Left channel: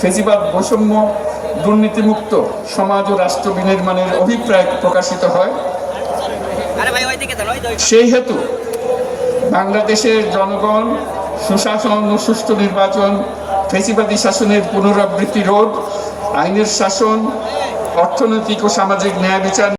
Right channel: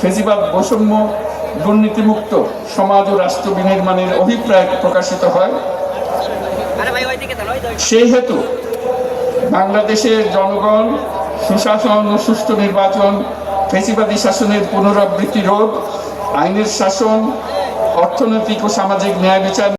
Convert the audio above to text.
ফেসিবাদ বৈষম্য দুর্নীতিমুক্ত সমাজ ও রাষ্ট্র বিনির্মাণের অভিপ্রায় প্রকাশিত হয়। সেই হেতু বাংলাদেশের জনগণ, সুশাসন ও সুস্থ নির্বাচন ফেসিবাদী শাসনের পুনরাবৃত্তি রোধ, আইনের শাসন, অর্থনৈতিক ও সামাজিক ন্যায় বিচার